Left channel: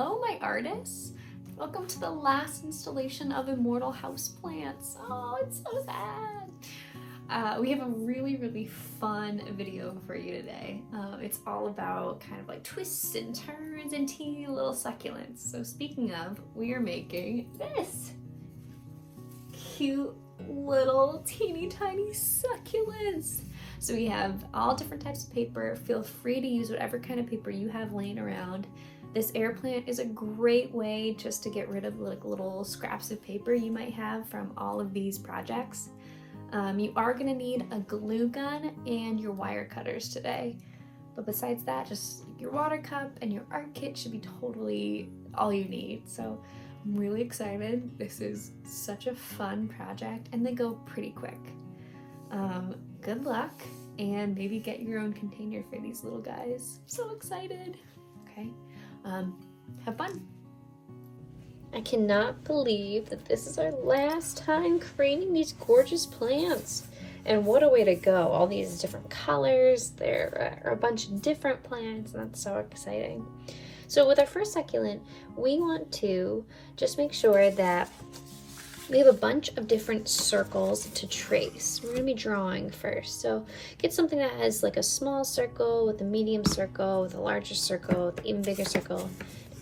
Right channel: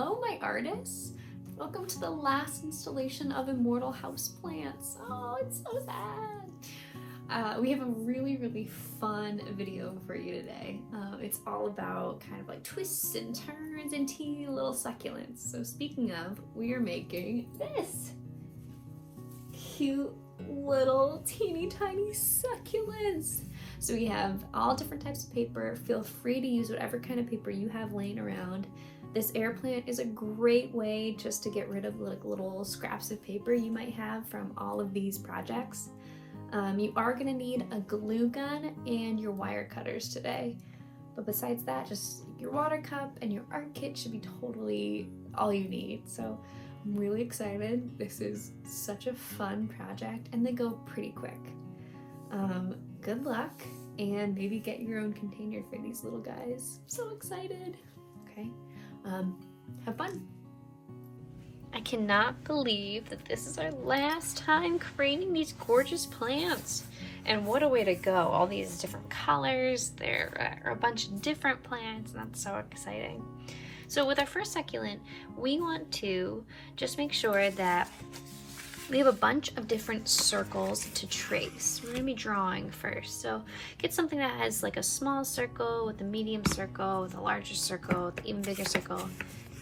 Hello, my artists. Welcome to the last installation of Immortal Houseplants. Oh, it's so sad. We have a really fun video for you today. It's all about kind of like twists and turns and teeny little succulents. So speaking of, we are making this cute little teeny tiny succulents. So we have all different types of paper. Feel free to use whatever kind of paper you have laying around. This air plant is a great way just to get rid of like little scraps of paper you might have from all of these projects. You are gonna need a glue gun and your wire cutters today. But besides that, just your water cup and your art kit should be totally all you need. So I'm really excited. This is such a fun project and they go pretty quick. Good luck and maybe get your own container for these little guys. I'm so excited. Okay, have fun. I cannot believe that this is our last time creating these gorgeous plants. And what a way to go. All these different colors. There are a bunch of different plants and that's so exciting. So with our first succulent, we want to just make sure that we have a bunch of different circles to trace. We're gonna be drawing first. So get something that has like a small circle with a medium circle, with a larger circle, with an even bigger circle,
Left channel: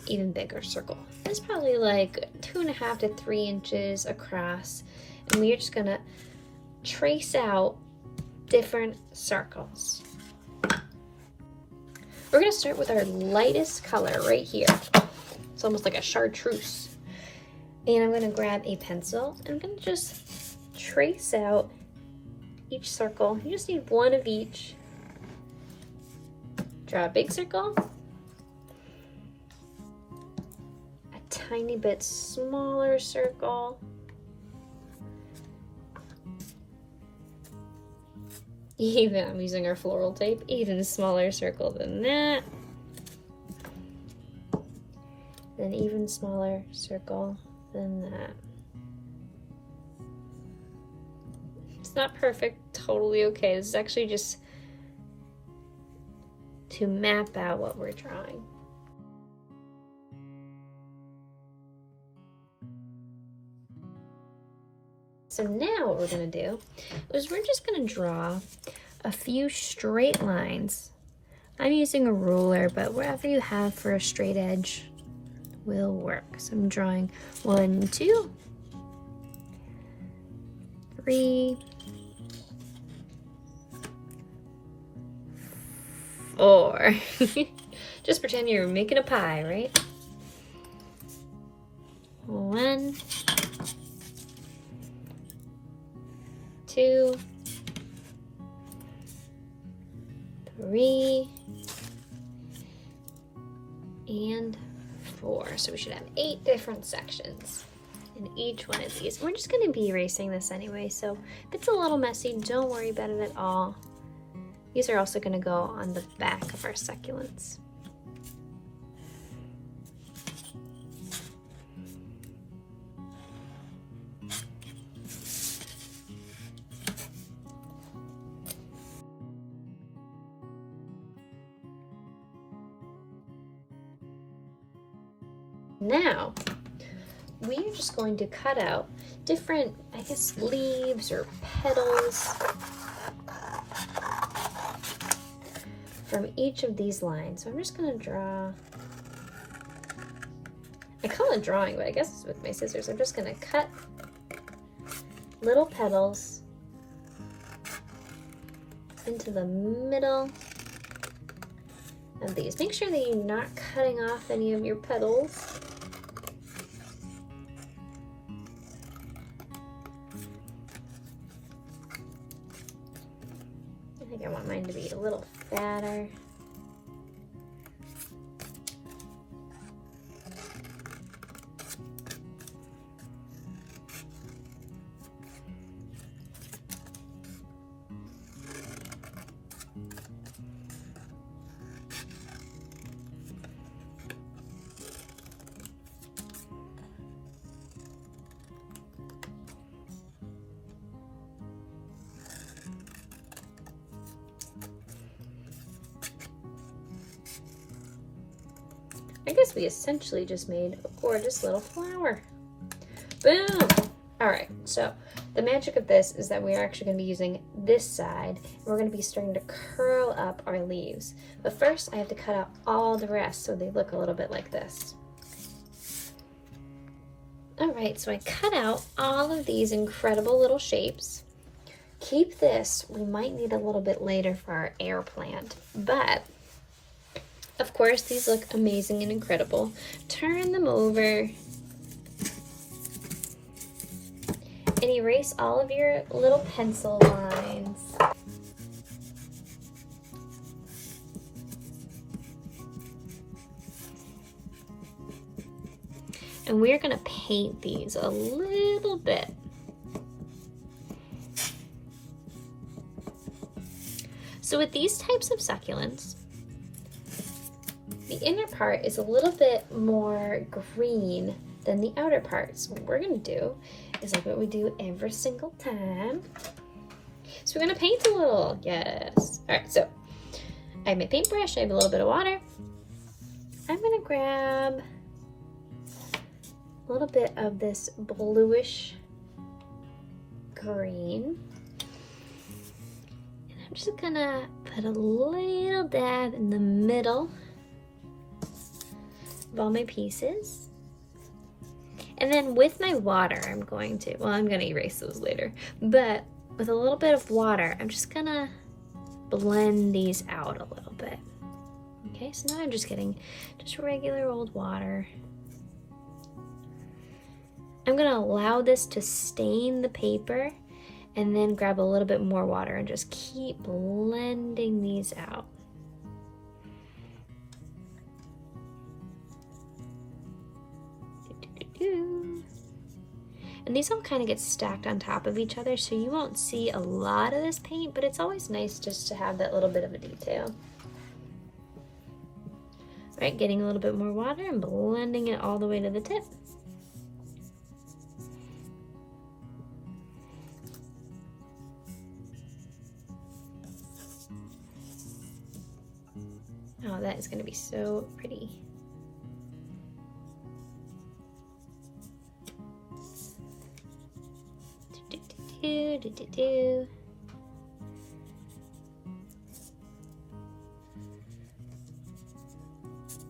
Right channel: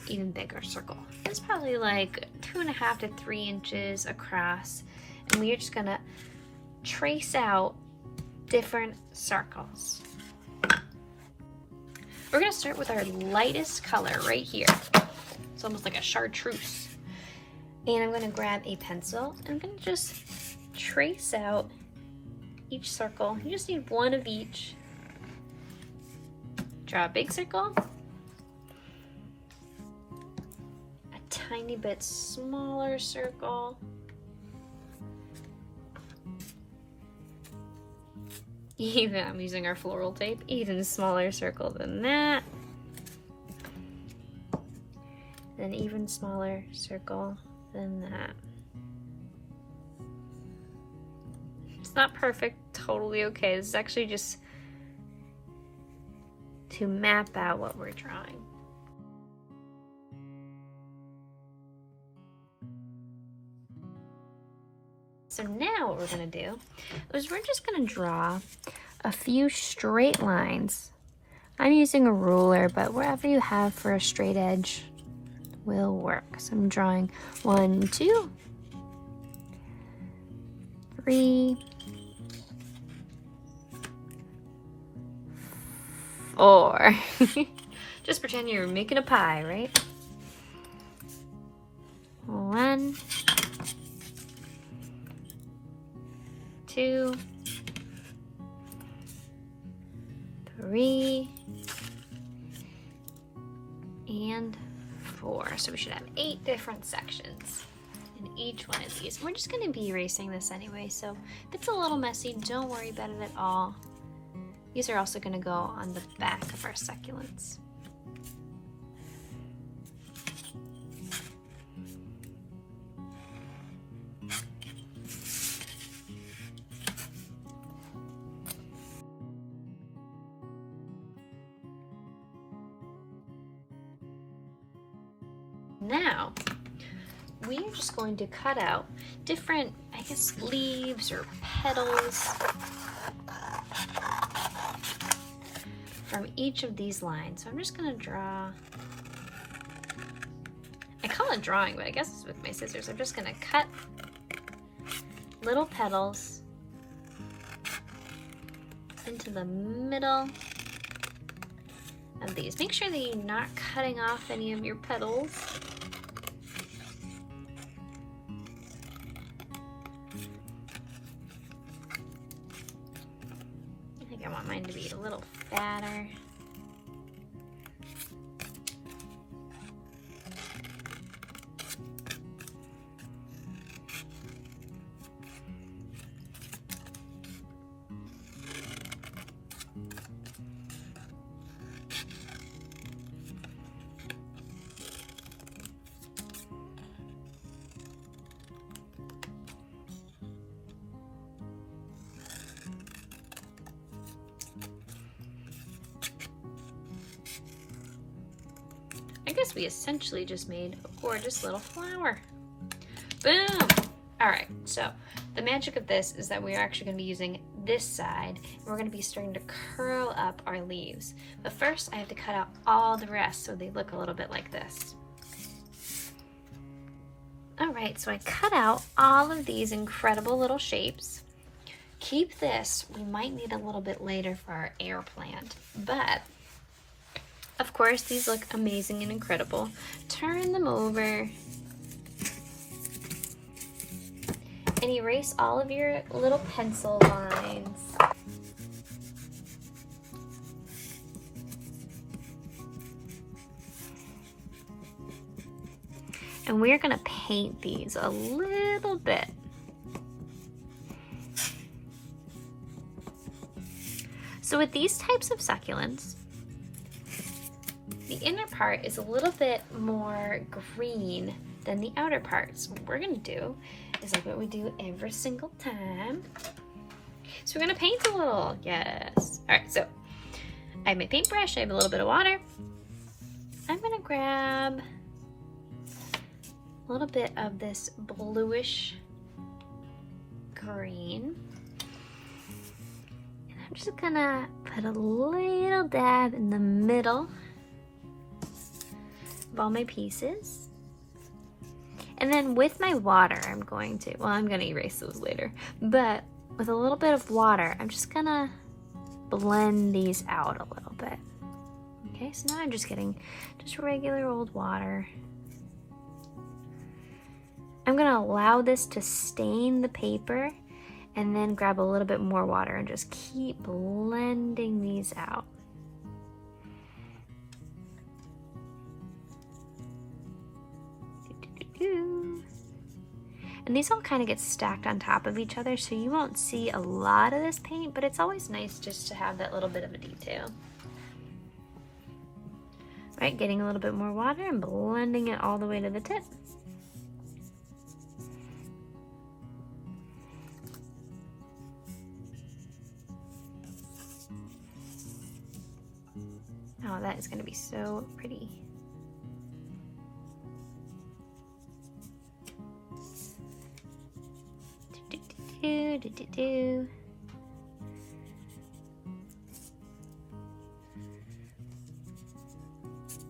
even bigger circle. It's probably like 2.5 to 3 inches across. And we're just gonna trace out different circles. We're gonna start with our lightest color right here. It's almost like a chartreuse. And I'm gonna grab a pencil. I'm gonna just trace out each circle. You just need one of each. Draw a big circle. A tiny bit smaller circle. Even, I'm using our floral tape, even smaller circle than that. An even smaller circle than that. It's not perfect, totally okay. This is actually just to map out what we're drawing. So now what we're gonna do is we're just gonna draw a few straight lines. I'm using a ruler, but wherever you have for a straight edge will work. So I'm drawing 1, 2, 3, 4. Just pretend you're making a pie, right? 1, 2, 3, and 4. So we should have 8 different sections in each one of these. We're just going to be erasing this anyway, so if it's a little messy, don't worry about it at all. These are also going to go on the back of our succulents. Now, we are just going to cut out different, I guess, leaves or petals from each of these lines. So I'm just going to draw, I call it drawing, but I guess it's with my scissors. I'm just going to cut little petals into the middle of these. Make sure that you're not cutting off any of your petals. I think I want mine to be a little fatter. guess we essentially just made a gorgeous little flower. Boom! All right, so the magic of this is that we're actually gonna be using this side, and we're gonna be starting to curl up our leaves. But first, I have to cut out all the rest so they look a little bit like this. All right, so I cut out all of these incredible little shapes. Keep this, we might need a little bit later for our air plant, but of course, these look amazing and incredible. Turn them over and erase all of your little pencil lines. And we're gonna paint these a little bit. So with these types of succulents, the inner part is a little bit more green than the outer part. So what we're gonna do is like what we do every single time. So we're gonna paint a little, yes. All right, so I have my paintbrush, I have a little bit of water. I'm gonna grab a little bit of this bluish green. And I'm just gonna put a little dab in the middle of all my pieces. And then with my water, I'm going to erase those later, but with a little bit of water, I'm just gonna blend these out a little bit. Okay, so now I'm just getting just regular old water. I'm gonna allow this to stain the paper and then grab a little bit more water and just keep blending these out. And these all kind of get stacked on top of each other, so you won't see a lot of this paint, but it's always nice just to have that little bit of a detail. All right, getting a little bit more water and blending it all the way to the tip. Oh, that is going to be so pretty.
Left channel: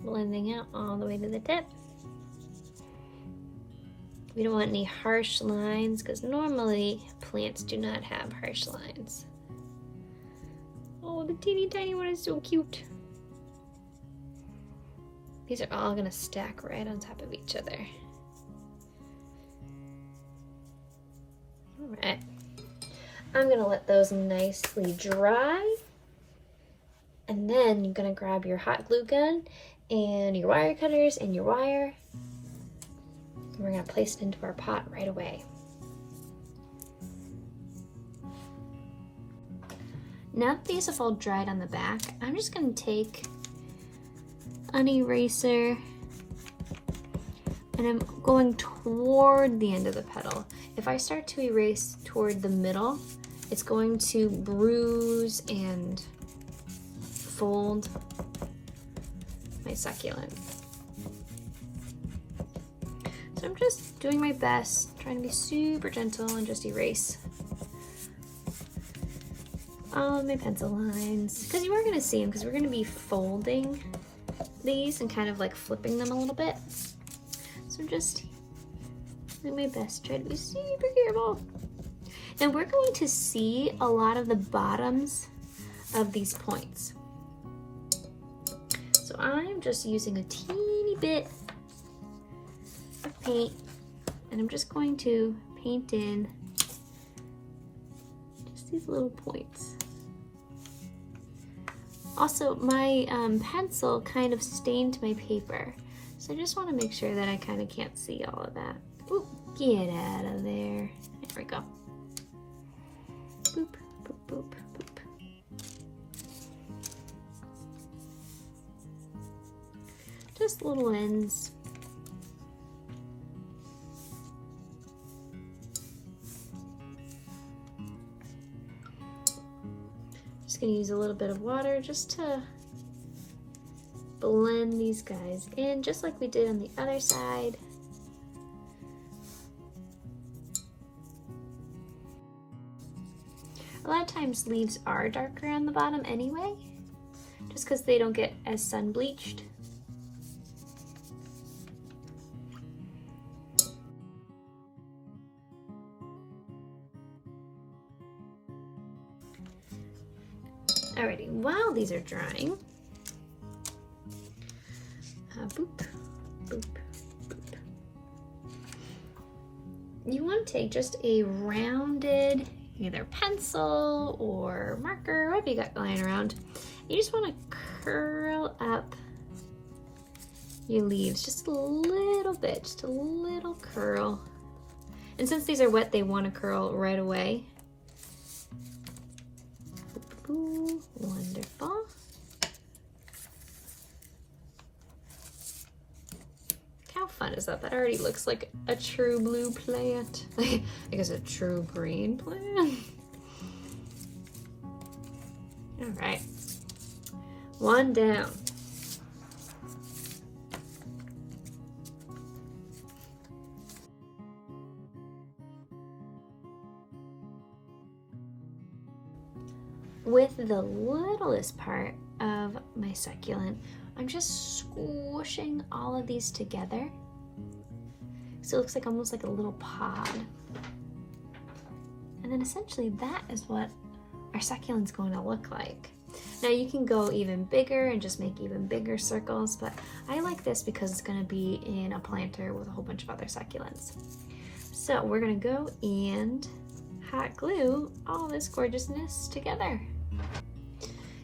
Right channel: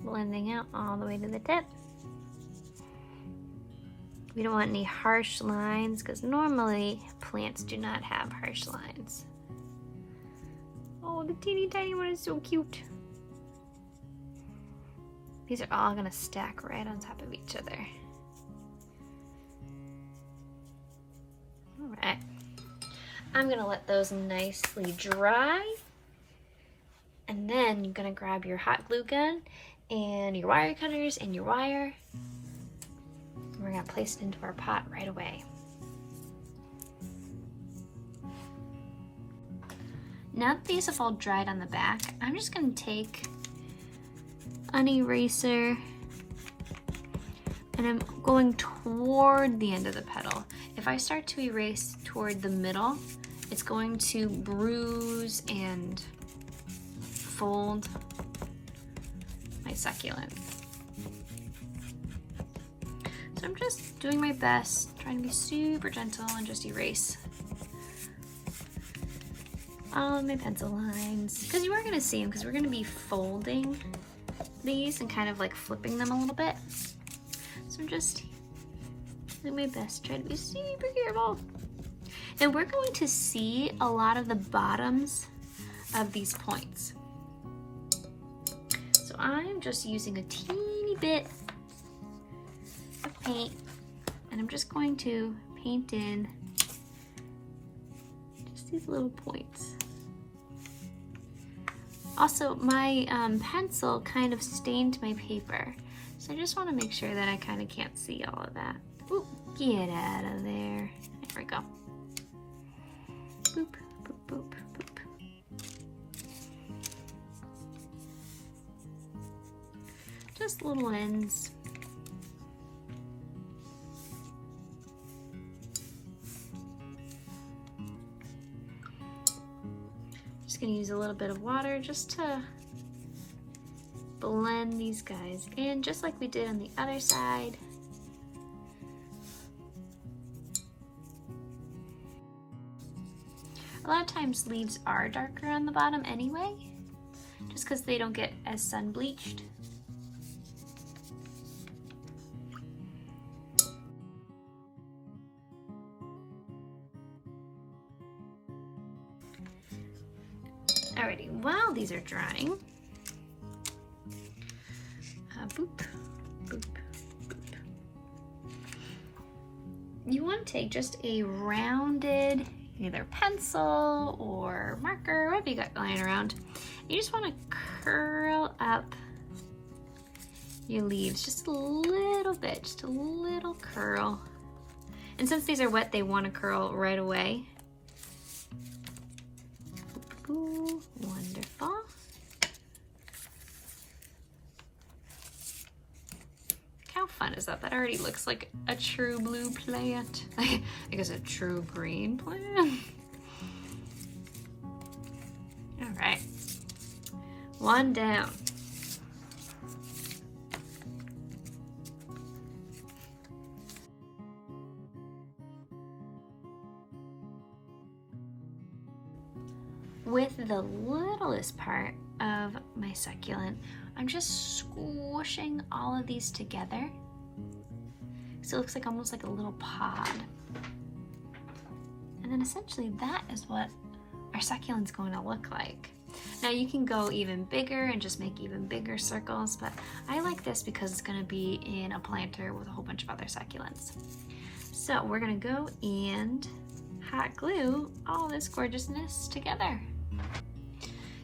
Blending out all the way to the tip. We don't want any harsh lines because normally plants do not have harsh lines. Oh, the teeny tiny one is so cute. These are all gonna stack right on top of each other. All right, I'm gonna let those nicely dry. And then you're gonna grab your hot glue gun and your wire cutters and your wire. And we're gonna place it into our pot right away. Now that these have all dried on the back, I'm just gonna take an eraser and I'm going toward the end of the petal. If I start to erase toward the middle, it's going to bruise and fold my succulent. So I'm just doing my best, trying to be super gentle and just erase all of my pencil lines. Because you are going to see them, because we're going to be folding these and kind of like flipping them a little bit. So I'm just doing my best, trying to be super careful. And we're going to see a lot of the bottoms of these points. So I'm just using a teeny bit of paint and I'm just going to paint in just these little points. Also, my pencil kind of stained my paper, so I just want to make sure that I kind of can't see all of that. Ooh, get out of there. There we go. Boop, boop, boop, boop. Just little ends. Just gonna use a little bit of water just to blend these guys in just like we did on the other side. A lot of times leaves are darker on the bottom anyway, just because they don't get as sun bleached. Alrighty, while these are drying, boop, boop, boop. You want to take just a rounded either pencil or marker, whatever you got lying around. You just want to curl up your leaves just a little bit, just a little curl. And since these are wet, they want to curl right away. Ooh, wonderful. How fun is that? That already looks like a true blue plant. I guess a true green plant. All right, one down. With the littlest part of my succulent, I'm just squishing all of these together. So it looks like almost like a little pod. And then essentially that is what our succulent's going to look like. Now you can go even bigger and just make even bigger circles, but I like this because it's going to be in a planter with a whole bunch of other succulents. So we're going to go and hot glue all this gorgeousness together.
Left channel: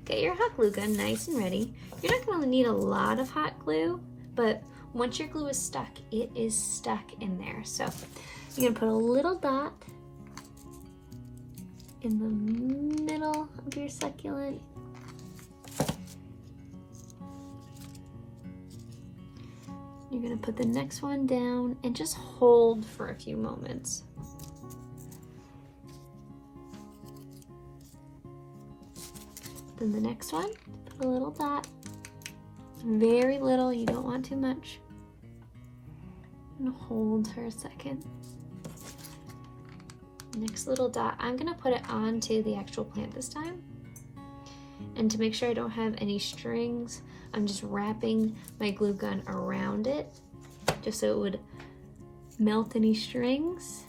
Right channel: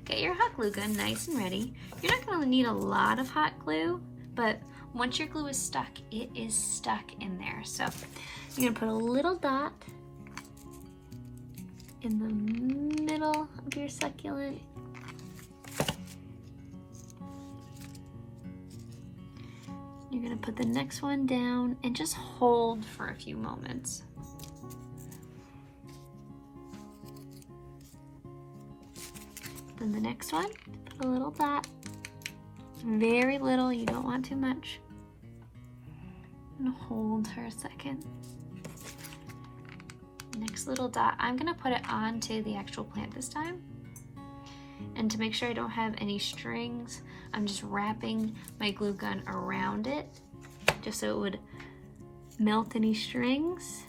Get your hot glue gun nice and ready. You're not going to need a lot of hot glue, but once your glue is stuck, it is stuck in there. So you're going to put a little dot in the middle of your succulent. You're going to put the next one down and just hold for a few moments. Then the next one, put a little dot, very little, you don't want too much. And hold for a second. Next little dot, I'm gonna put it onto the actual plant this time. And to make sure I don't have any strings, I'm just wrapping my glue gun around it, just so it would melt any strings.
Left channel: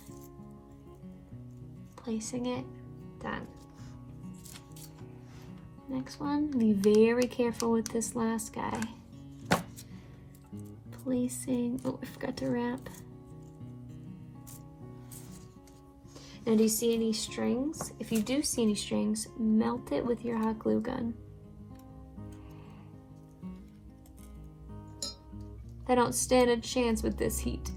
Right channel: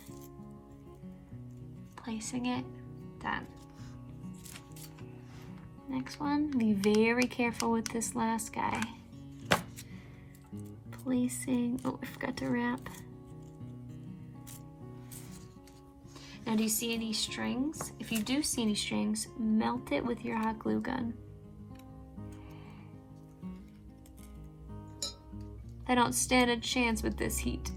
Placing it, done. Next one, be very careful with this last guy. Placing, oh, I forgot to wrap. Now, do you see any strings? If you do see any strings, melt it with your hot glue gun. I don't stand a chance with this heat.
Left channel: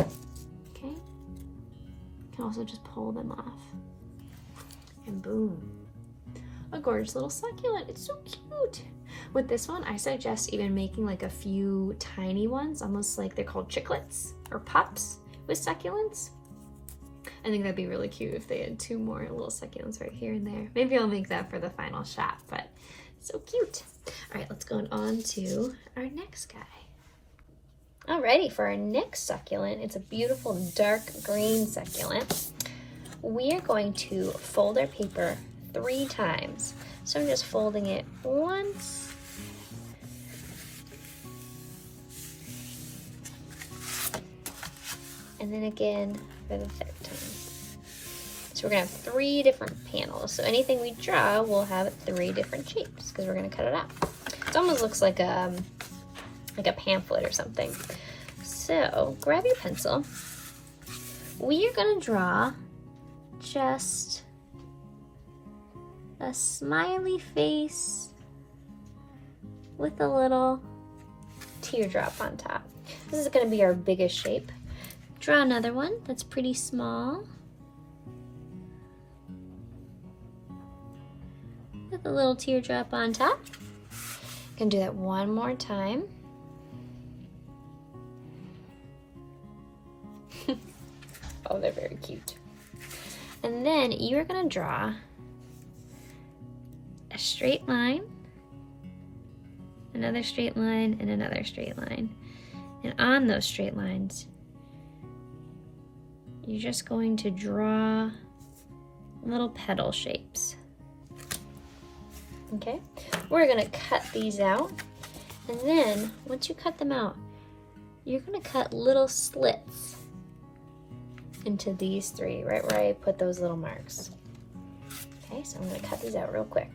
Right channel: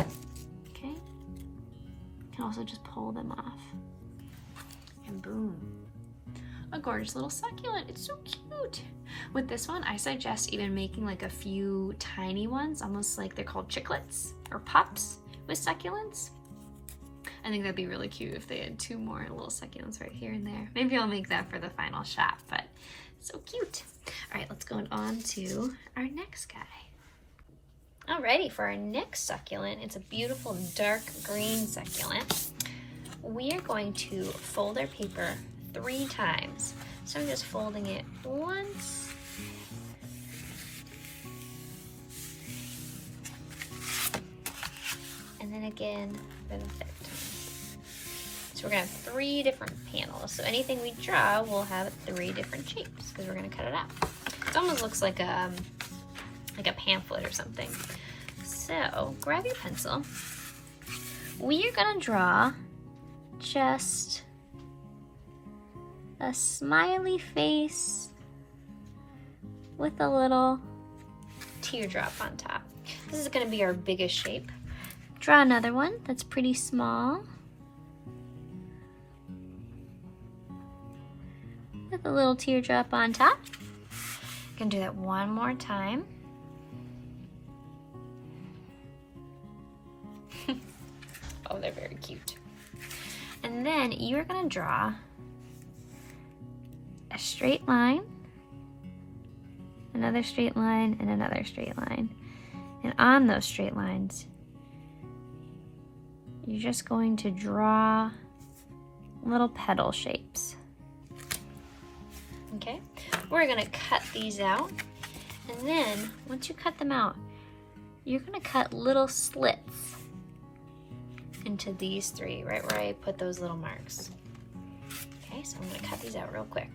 Okay. You can also just pull them off. And boom. A gorgeous little succulent. It's so cute. With this one, I suggest even making like a few tiny ones, almost like they're called chiclets or pups with succulents. I think that'd be really cute if they had two more little succulents right here and there. Maybe I'll make that for the final shot, but so cute. All right, let's go on to our next guy. Alrighty, for our next succulent, it's a beautiful dark green succulent. We are going to fold our paper 3 times. So I'm just folding it once, and then again for the 3rd time. So we're gonna have 3 different panels. So anything we draw will have 3 different shapes because we're gonna cut it out. It almost looks like a pamphlet or something. So grab your pencil. We are gonna draw just a smiley face with a little teardrop on top. This is going to be our biggest shape. Draw another one that's pretty small with a little teardrop on top. You can do that one more time. Oh, they're very cute. And then you're going to draw a straight line another straight line, and another straight line. And on those straight lines, you're just going to draw little petal shapes. Okay, we're gonna cut these out, and then once you cut them out, you're gonna cut little slits into these three, right where I put those little marks. Okay, so I'm gonna cut these out real quick.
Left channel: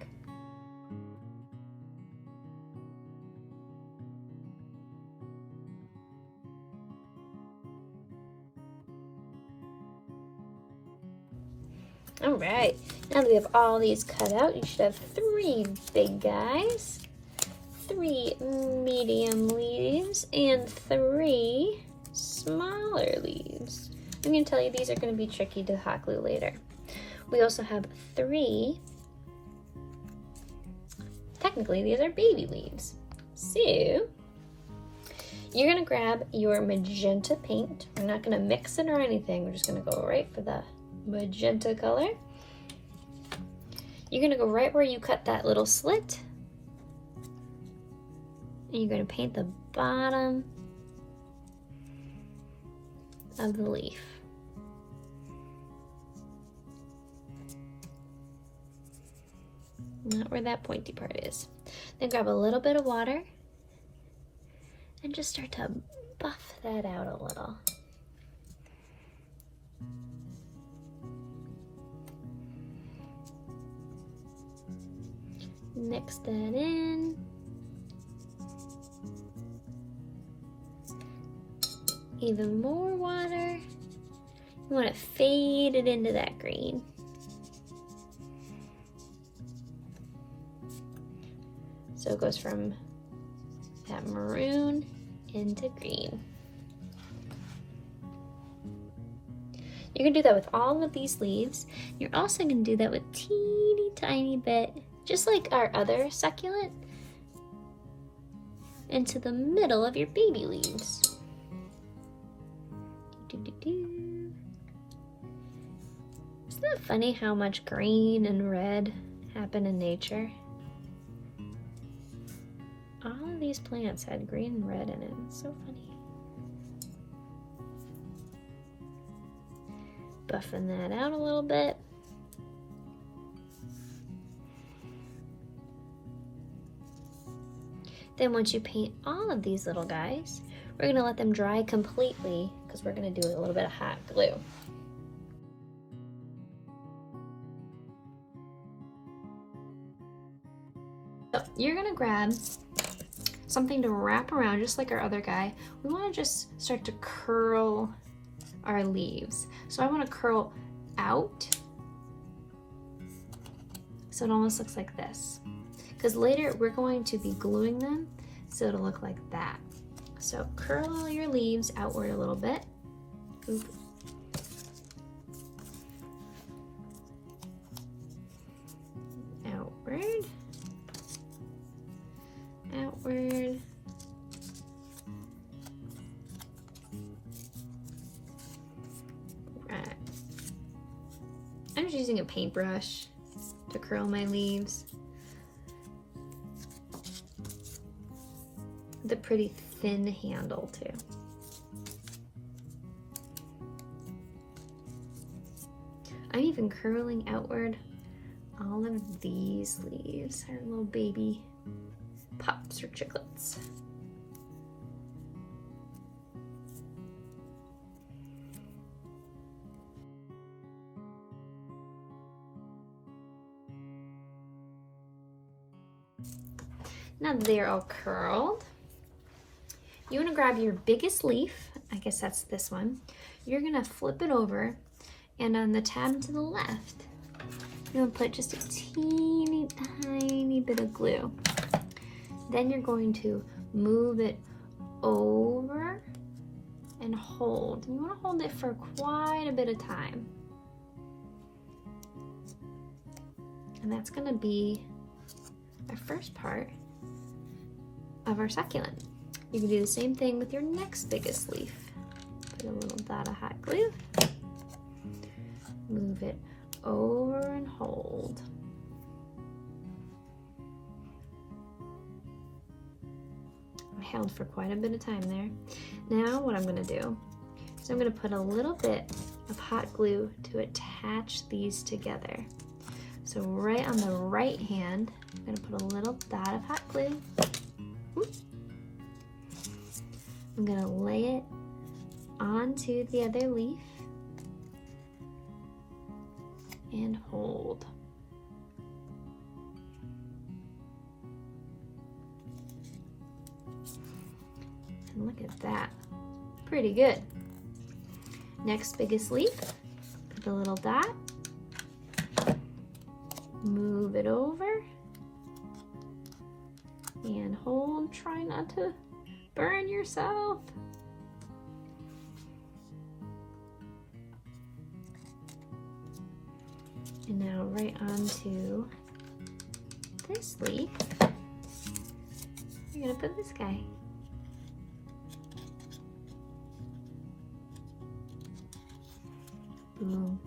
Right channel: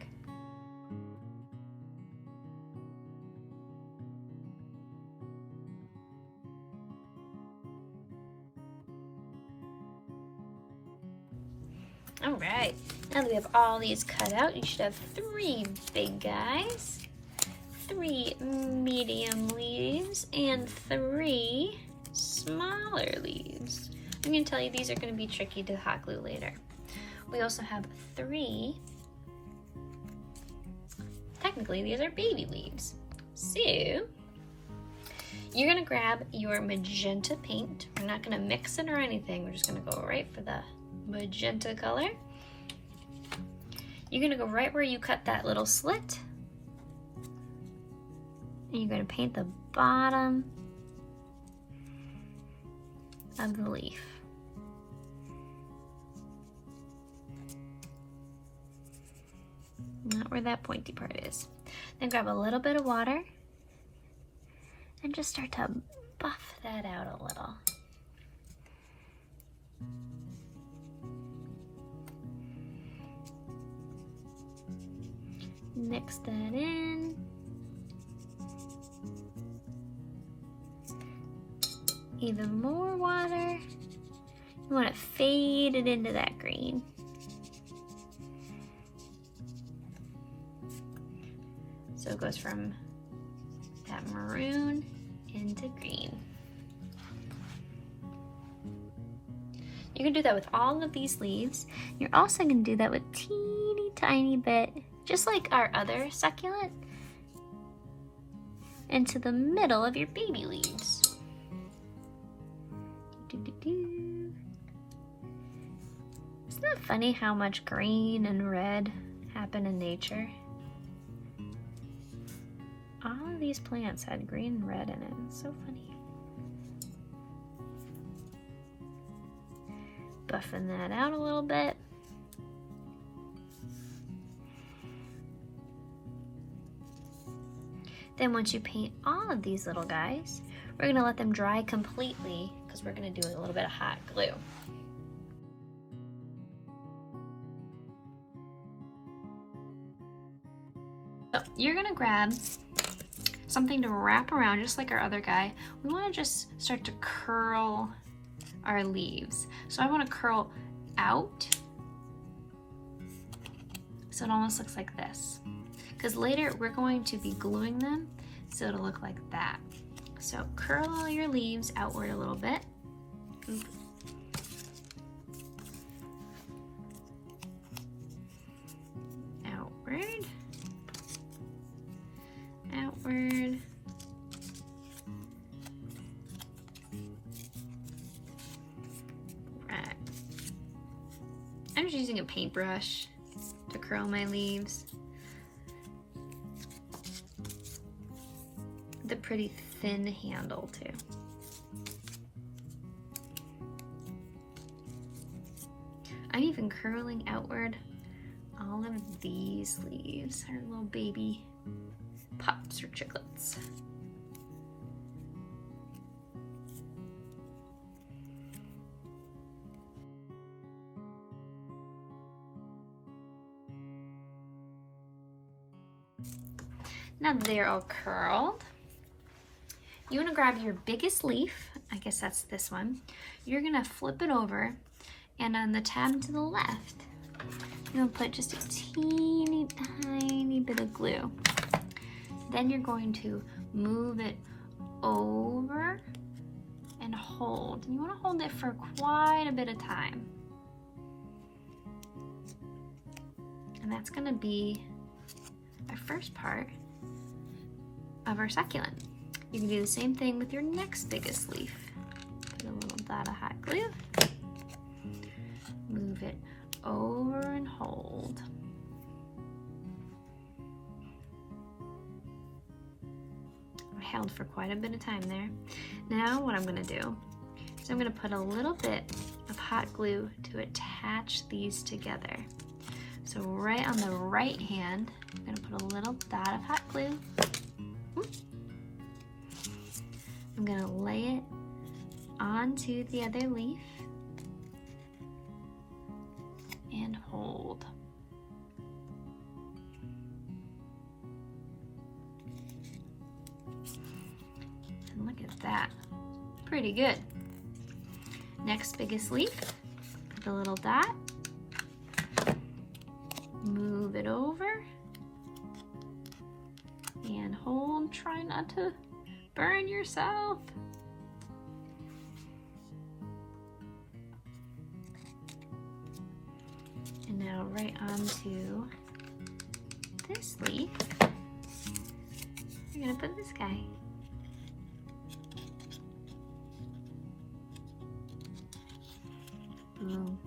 All right, now that we have all these cut out, you should have 3 big guys, 3 medium leaves, and 3 smaller leaves. I'm gonna tell you these are gonna be tricky to hot glue later. We also have 3, technically these are baby leaves. So, you're gonna grab your magenta paint. We're not gonna mix it or anything, we're just gonna go right for the magenta color. You're gonna go right where you cut that little slit, and you're gonna paint the bottom of the leaf. Not where that pointy part is. Then grab a little bit of water and just start to buff that out a little. Mix that in. Even more water. You want to fade it into that green. So it goes from that maroon into green. You can do that with all of these leaves. You're also going to do that with teeny tiny bit, just like our other succulent, into the middle of your baby leaves. Isn't that funny how much green and red happen in nature? All of these plants had green and red in it. It's so funny. Buffing that out a little bit. Then once you paint all of these little guys, we're gonna let them dry completely because we're gonna do a little bit of hot glue. So you're gonna grab something to wrap around just like our other guy. We wanna just start to curl our leaves. So I wanna curl out so it almost looks like this. Because later we're going to be gluing them so it'll look like that. So curl all your leaves outward a little bit. Oop. Outward. Outward. Right. I'm just using a paintbrush to curl my leaves. The pretty thin handle too. I'm even curling outward all of these leaves, our little baby pups or chiclets. Now they're all curled. You want to grab your biggest leaf, I guess that's this one. You're going to flip it over, and on the tab to the left, you're going to put just a teeny tiny bit of glue. Then you're going to move it over and hold. You want to hold it for quite a bit of time. And that's going to be our first part of our succulent. You can do the same thing with your next biggest leaf. Put a little dot of hot glue. Move it over and hold. held for quite a bit of time there. Now what I'm gonna do is I'm gonna put a little bit of hot glue to attach these together. So right on the right hand, I'm gonna put a little dot of hot glue. I'm gonna lay it onto the other leaf and hold. And look at that, pretty good. Next biggest leaf, put the little dot, move it over, and hold, try not to burn yourself. And now right onto this leaf, we're gonna put this guy. Boom.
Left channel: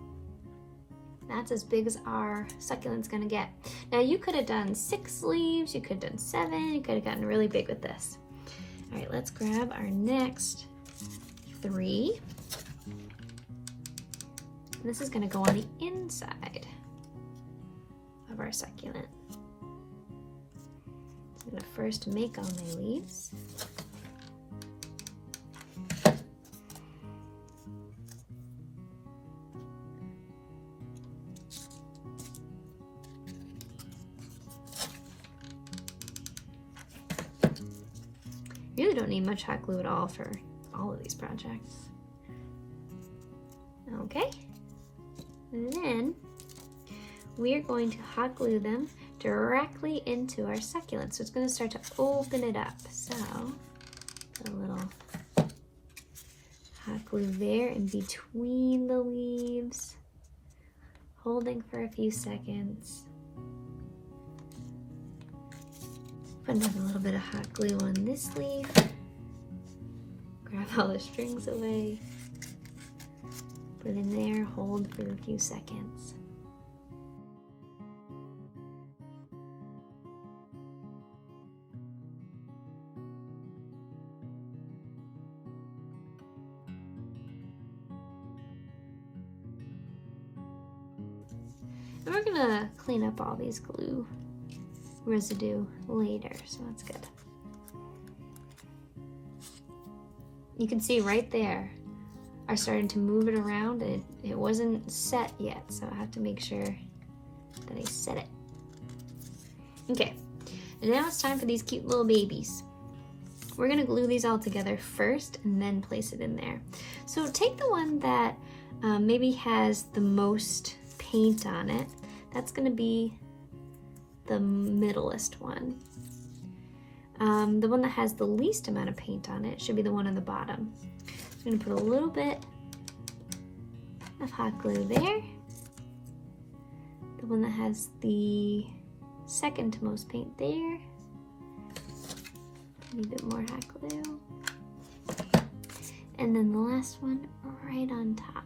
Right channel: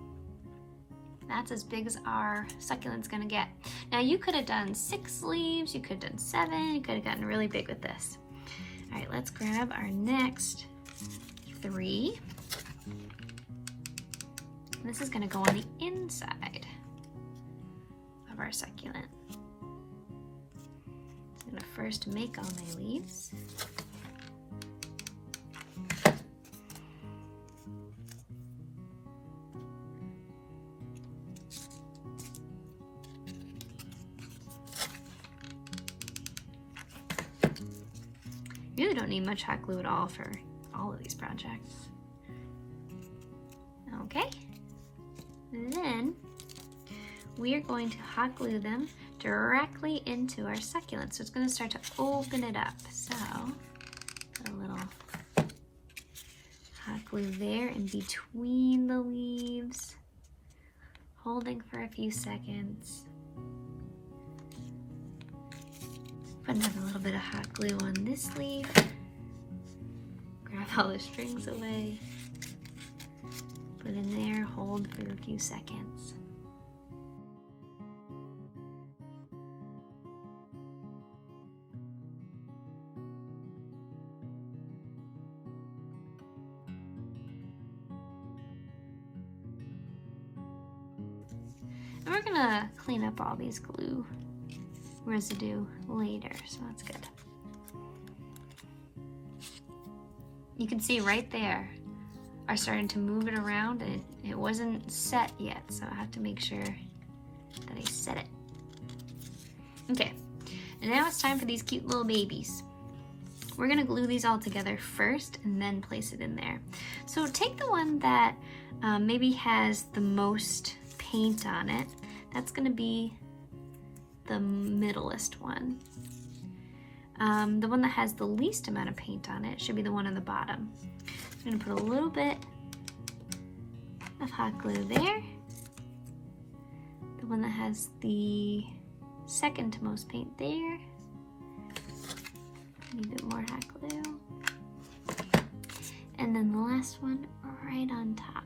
That's as big as our succulent's gonna get. Now you could have done 6 leaves, you could have done 7, you could have gotten really big with this. All right, let's grab our next 3. This is gonna go on the inside of our succulent. I'm gonna first make all my leaves. You really don't need much hot glue at all for all of these projects. Okay, and then we're going to hot glue them directly into our succulent. So it's going to start to open it up. So put a little hot glue there in between the leaves, holding for a few seconds. Put another little bit of hot glue on this leaf. Grab all the strings away. Put in there, hold for a few seconds. And we're gonna clean up all these glue residue later, so that's good. You can see right there, I started to move it around. It wasn't set yet, so I have to make sure that I set it. Okay, and now it's time for these cute little babies. We're gonna glue these all together first and then place it in there. So take the one that maybe has the most paint on it. That's gonna be the middleest one. The one that has the least amount of paint on it should be the one on the bottom. I'm gonna put a little bit of hot glue there. The one that has the second to most paint there. A bit more hot glue. And then the last one right on top.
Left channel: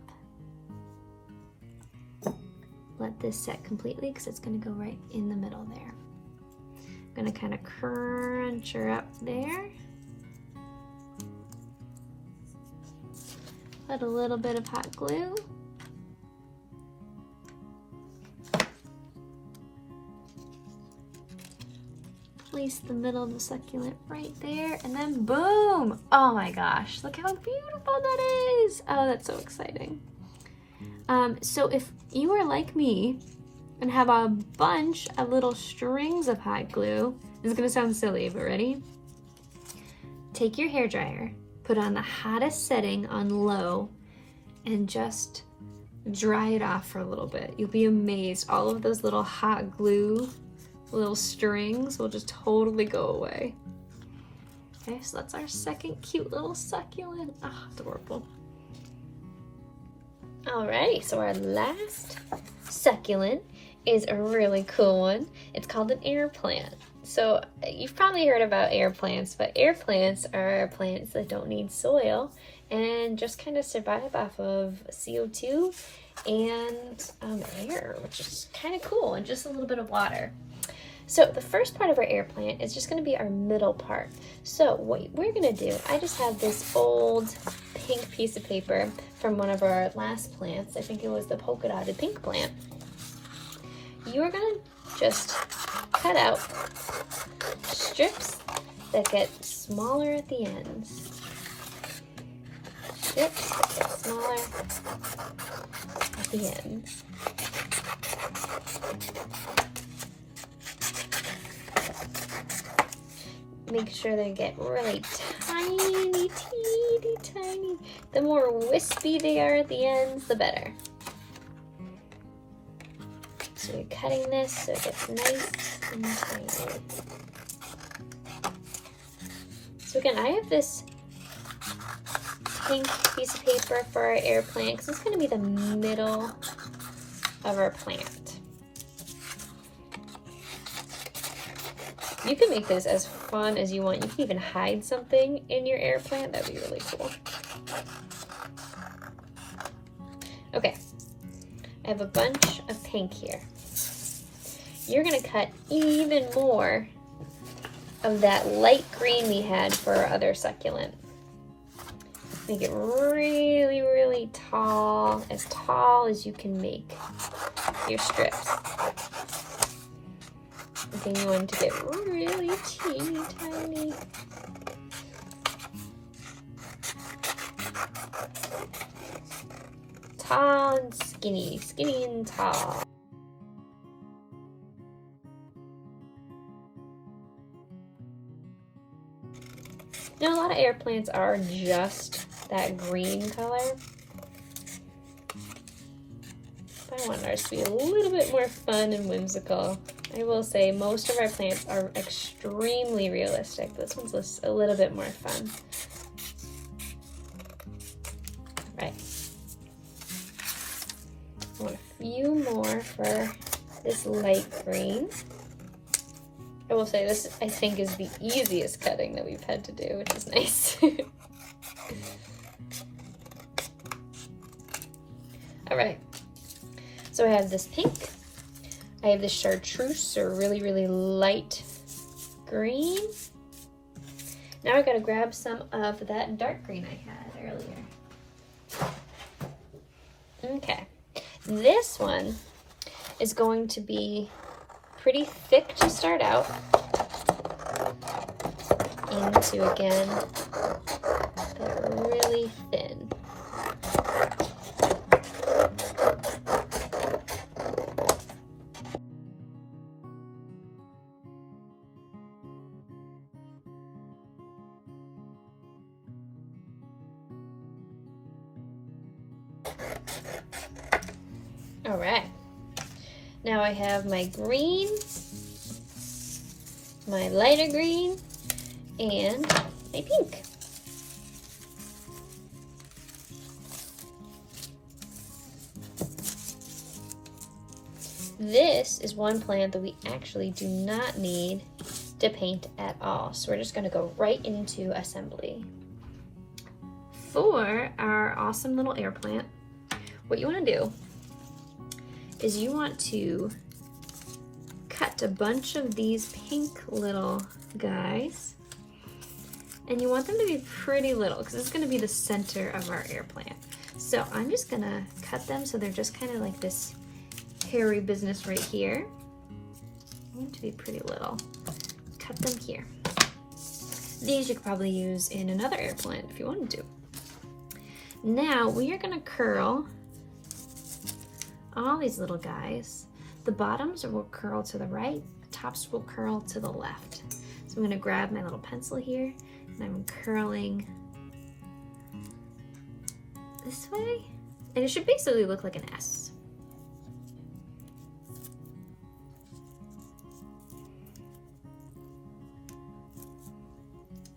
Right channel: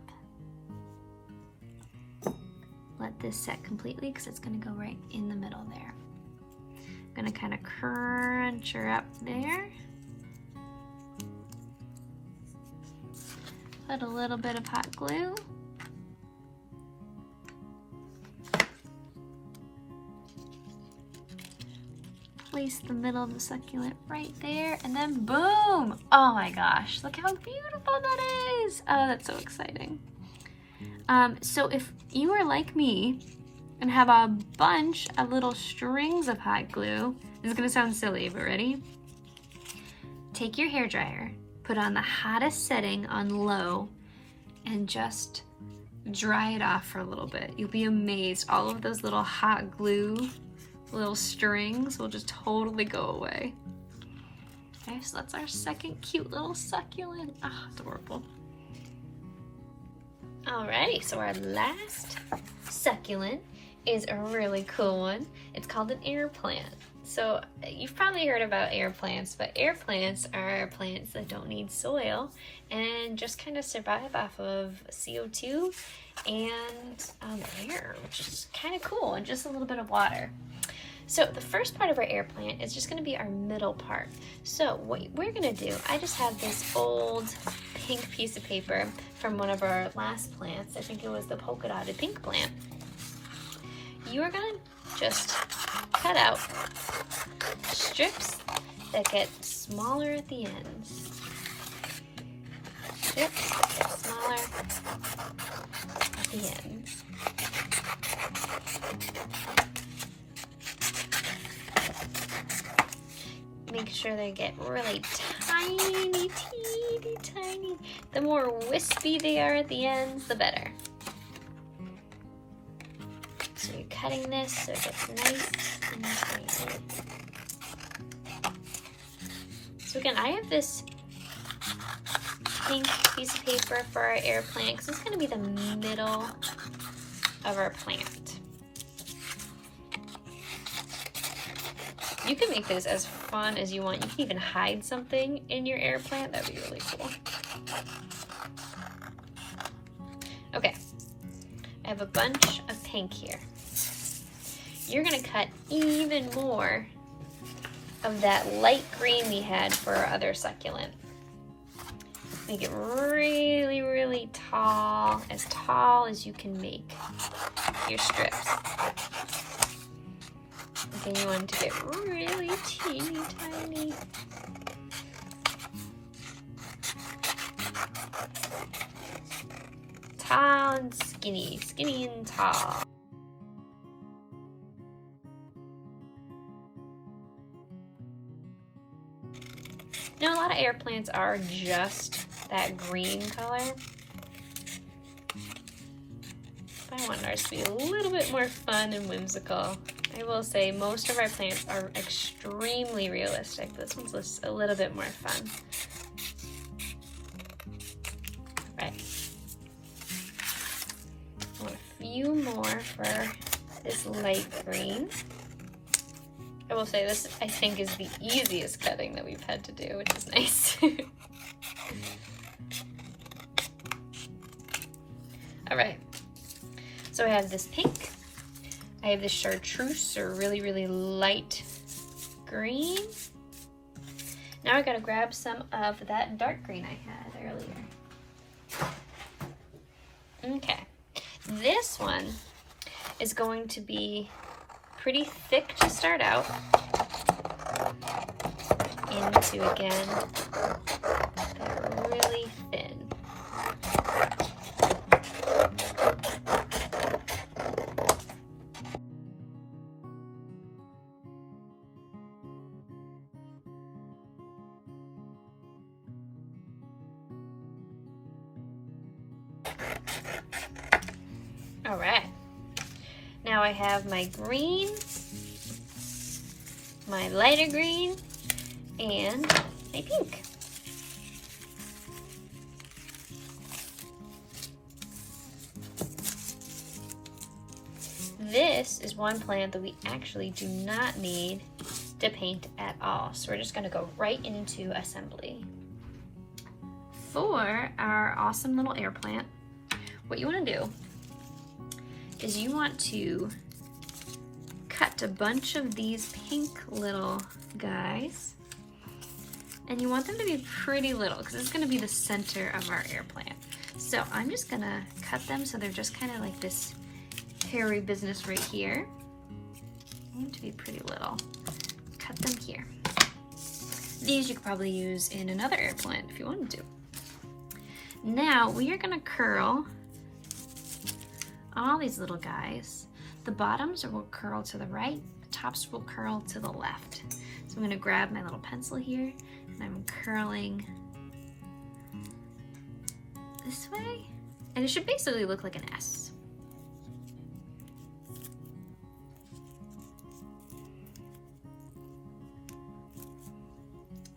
Let this set completely because it's going to go right in the middle there. I'm going to kind of crunch her up there. Put a little bit of hot glue. Place the middle of the succulent right there, and then boom! Oh my gosh, look how beautiful that is! Oh, that's so exciting. So if you are like me and have a bunch of little strings of hot glue, this is gonna sound silly, but ready? Take your hairdryer, put it on the hottest setting on low, and just dry it off for a little bit. You'll be amazed. All of those little hot glue, little strings will just totally go away. Okay, so that's our second cute little succulent. Ah, adorable. Alrighty, so our last succulent is a really cool one. It's called an air plant. So you've probably heard about air plants, but air plants are plants that don't need soil and just kind of survive off of CO2 and air, which is kind of cool, and just a little bit of water. So the first part of our air plant is just going to be our middle part. So what we're going to do, I just have this old pink piece of paper from one of our last plants. I think it was the polka dotted pink plant. You are going to just cut out strips that get smaller at the ends. Strips that get smaller at the ends. Make sure they get really tiny, teeny tiny. The more wispy they are at the ends, the better. So you're cutting this so it gets nice and tiny. So again, I have this pink piece of paper for our air plant because it's going to be the middle of our plant. You can make this as fun as you want. You can even hide something in your air plant. That'd be really cool. Okay, I have a bunch of pink here. You're gonna cut even more of that light green we had for our other succulent. Make it really, really tall as you can make your strips. Okay, you want it to get really teeny tiny. Tall and skinny, skinny and tall. Now, a lot of air plants are just that green color. But I want ours to be a little bit more fun and whimsical. I will say most of our plants are extremely realistic. This one's just a little bit more fun. Right. I want a few more for this light green. I will say this, I think, is the easiest cutting that we've had to do, which is nice. All right. So I have this pink. I have this chartreuse, or really, really light green. Now I gotta grab some of that dark green I had earlier. Okay, this one is going to be pretty thick to start out. Into, again, really thin. All right, now I have my green, my lighter green, and my pink. This is one plant that we actually do not need to paint at all, so we're just going to go right into assembly. For our awesome little air plant, what you want to do is you want to cut a bunch of these pink little guys, and you want them to be pretty little because it's going to be the center of our air plant. So I'm just going to cut them so they're just kind of like this hairy business right here. I want to be pretty little. Cut them here. These you could probably use in another air plant if you wanted to. Now we are going to curl all these little guys. The bottoms will curl to the right, the tops will curl to the left. So I'm going to grab my little pencil here and I'm curling this way, and it should basically look like an S.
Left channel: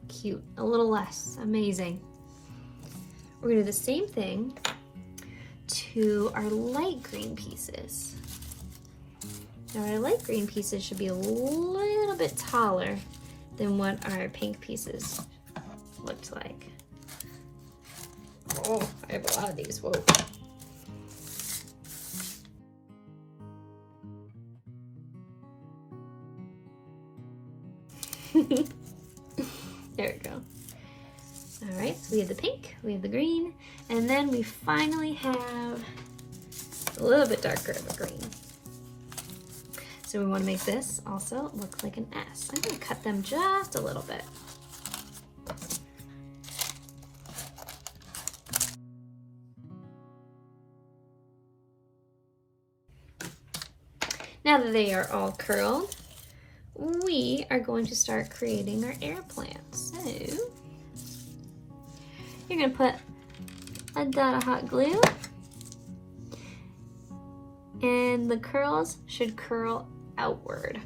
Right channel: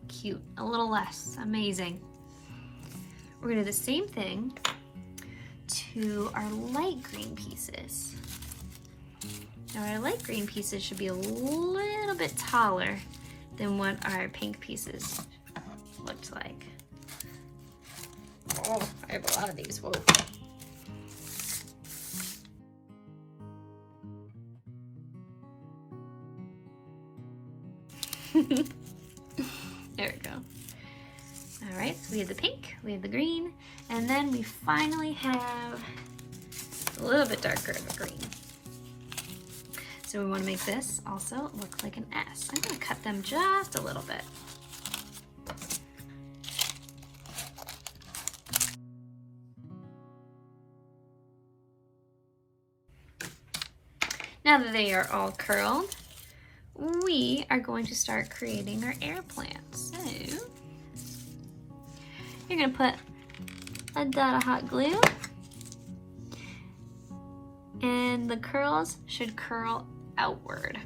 Cute, a little less, amazing. We're going to do the same thing to our light green pieces. Now our light green pieces should be a little bit taller than what our pink pieces looked like. Oh, I have a lot of these, whoa. There we go. All right, so we have the pink, we have the green, and then we finally have a little bit darker of a green. So we want to make this also look like an S. I'm going to cut them just a little bit. Now that they are all curled, we are going to start creating our air plants. So you're going to put a dot of hot glue, and the curls should curl outward.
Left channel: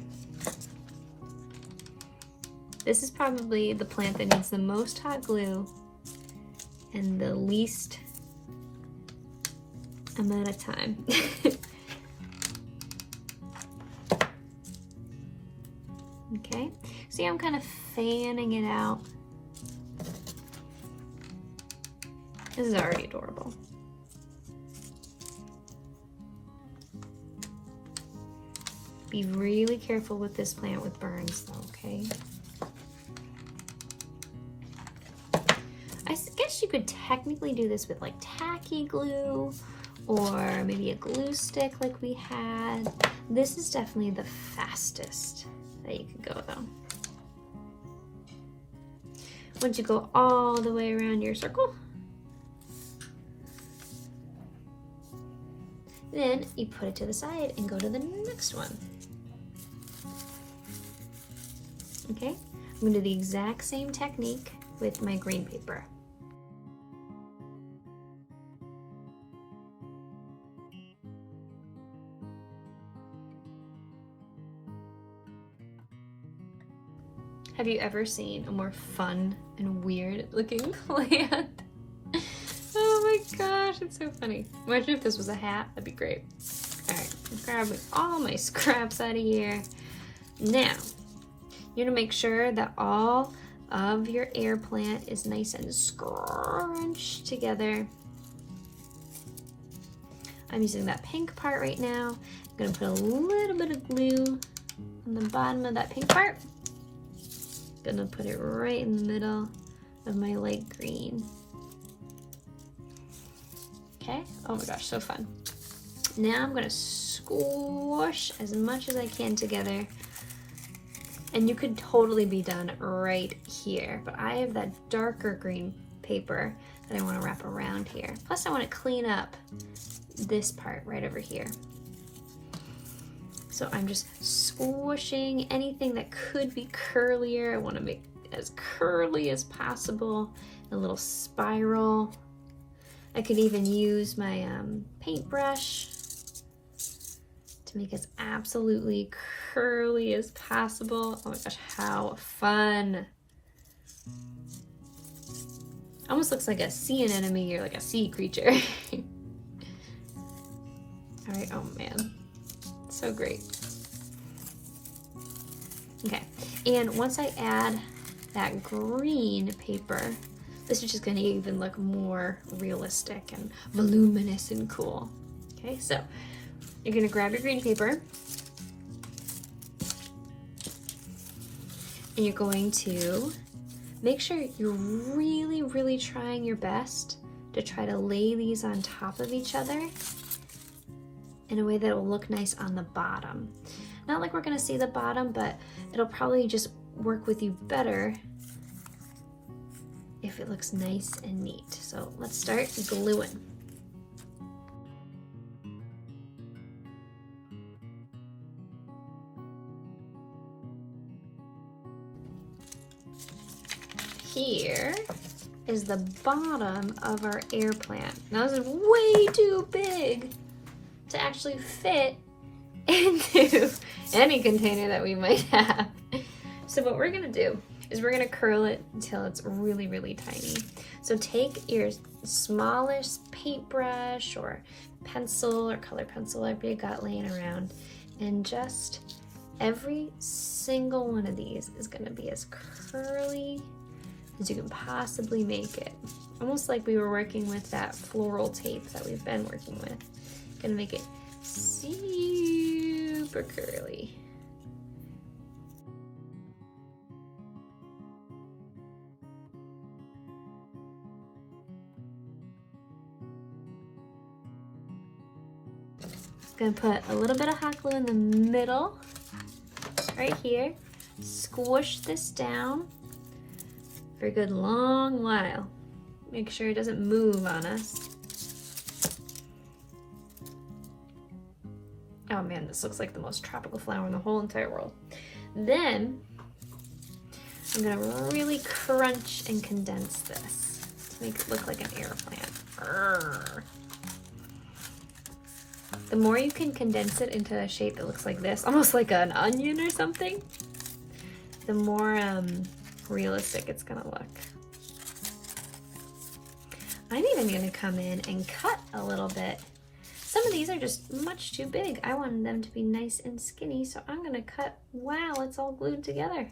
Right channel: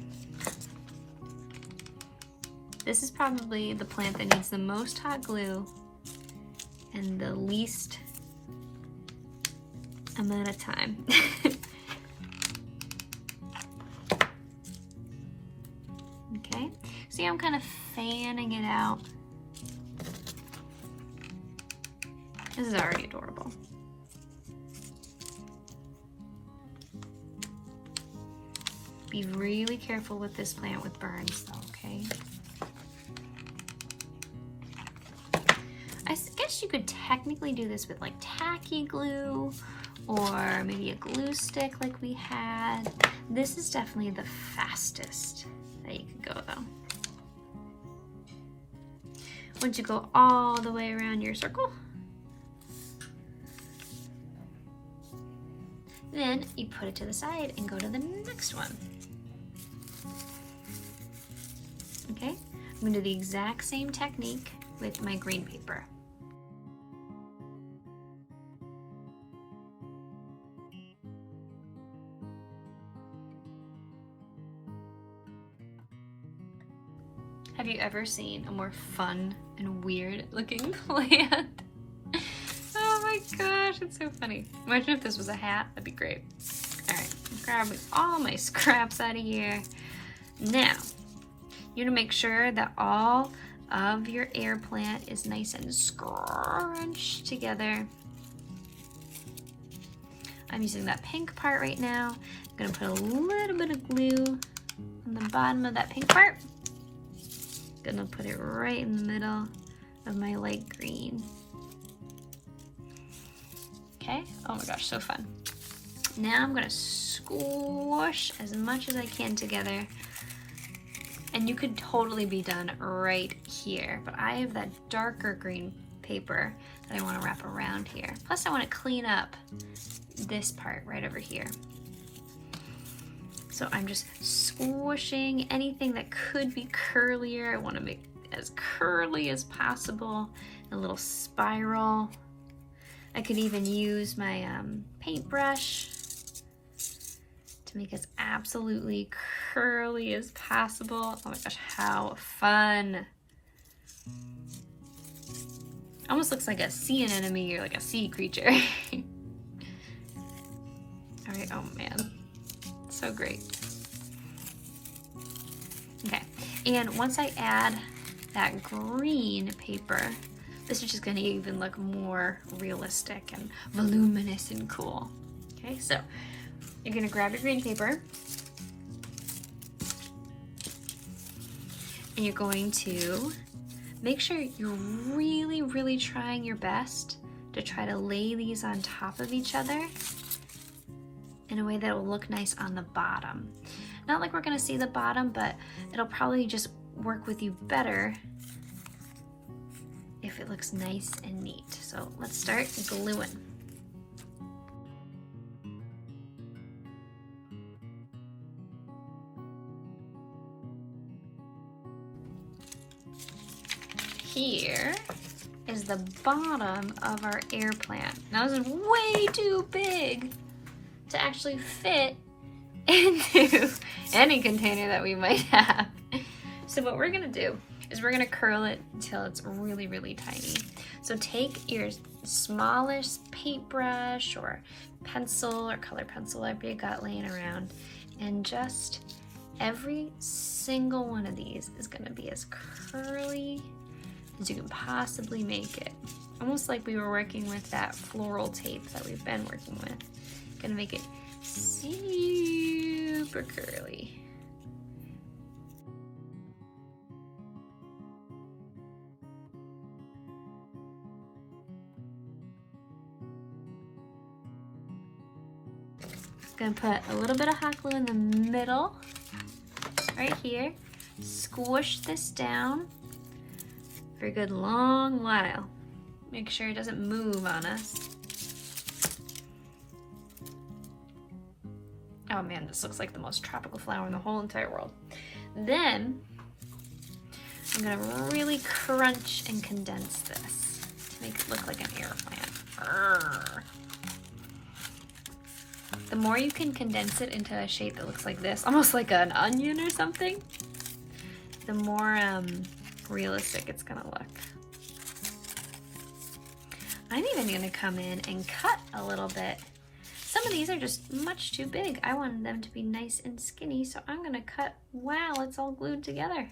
This is probably the plant that needs the most hot glue and the least amount of time. Okay, see, I'm kind of fanning it out. This is already adorable. Be really careful with this plant with burns though, okay? I guess you could technically do this with like tacky glue or maybe a glue stick like we had. This is definitely the fastest that you can go though. Once you go all the way around your circle, then you put it to the side and go to the next one. Okay, I'm gonna do the exact same technique with my green paper. Have you ever seen a more fun and weird looking plant? Oh my gosh, it's so funny. Imagine if this was a hat, that'd be great. All right, I'm grabbing all my scraps out of here. Now, you're gonna make sure that all of your air plant is nice and scrunched together. I'm using that pink part right now. I'm gonna put a little bit of glue on the bottom of that pink part. Gonna put it right in the middle of my light green. Okay, oh my gosh, so fun. Now I'm gonna squish as much as I can together. And you could totally be done right here, but I have that darker green paper that I wanna wrap around here. Plus I wanna clean up this part right over here. So I'm just squishing anything that could be curlier. I want to make it as curly as possible, a little spiral. I could even use my paintbrush to make it absolutely curly as possible. Oh my gosh, how fun. Almost looks like a sea anemone or like a sea creature. All right, oh man. So great. Okay, and once I add that green paper, this is just gonna even look more realistic and voluminous and cool. Okay, so you're gonna grab your green paper and you're going to make sure you're really, really trying your best to try to lay these on top of each other in a way that will look nice on the bottom. Not like we're gonna see the bottom, but it'll probably just work with you better if it looks nice and neat. So let's start gluing. Here is the bottom of our air plant. Now this is way too big to actually fit into any container that we might have. So what we're gonna do is we're gonna curl it until it's really, really tiny. So take your smallest paintbrush or pencil or color pencil if you got laying around, and just every single one of these is gonna be as curly as you can possibly make it. Almost like we were working with that floral tape that we've been working with. Gonna make it super curly. Gonna put a little bit of hot glue in the middle, right here. Squish this down for a good long while. Make sure it doesn't move on us. Oh man, this looks like the most tropical flower in the whole entire world. Then, I'm gonna really crunch and condense this to make it look like an air plant. Arrgh. The more you can condense it into a shape that looks like this, almost like an onion or something, the more realistic it's gonna look. I'm even gonna come in and cut a little bit. Some of these are just much too big. I wanted them to be nice and skinny, so I'm gonna cut while it's all glued together.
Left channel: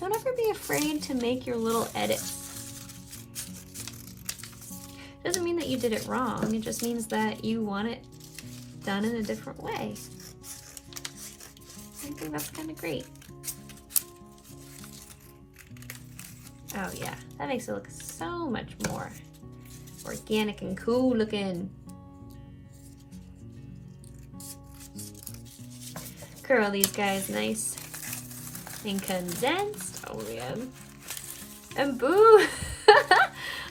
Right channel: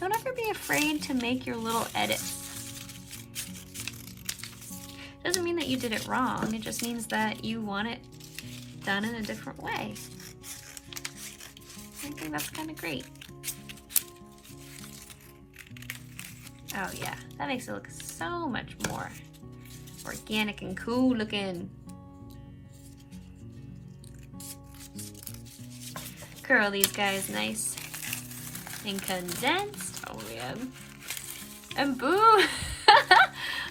Don't ever be afraid to make your little edits. Doesn't mean that you did it wrong, it just means that you want it done in a different way. I think that's kind of great. Oh yeah, that makes it look so much more organic and cool looking. Curl these guys nice and condensed. Oh man. And boom!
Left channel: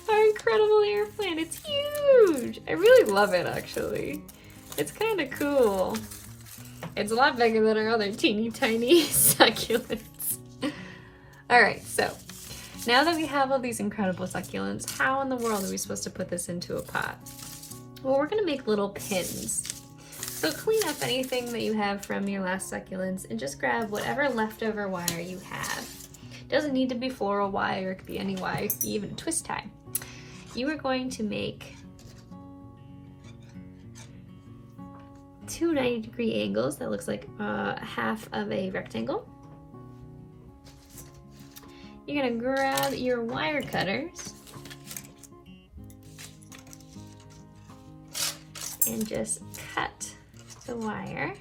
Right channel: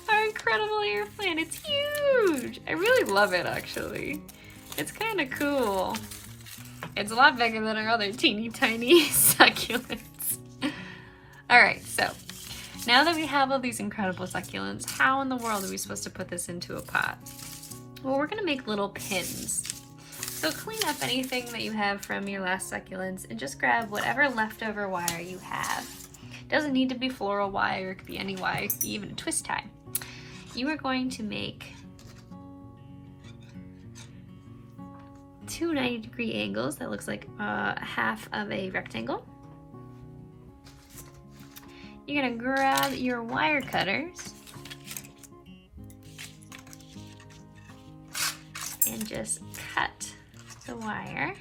Our incredible air plant. It's huge! I really love it actually. It's kind of cool. It's a lot bigger than our other teeny tiny succulents. Alright, so now that we have all these incredible succulents, how in the world are we supposed to put this into a pot? Well, we're gonna make little pins. So clean up anything that you have from your last succulents and just grab whatever leftover wire you have. It doesn't need to be floral wire, it could be any wire, it could be even a twist tie. You are going to make two 90-degree angles that looks like half of a rectangle. You're gonna grab your wire cutters and just cut the wire.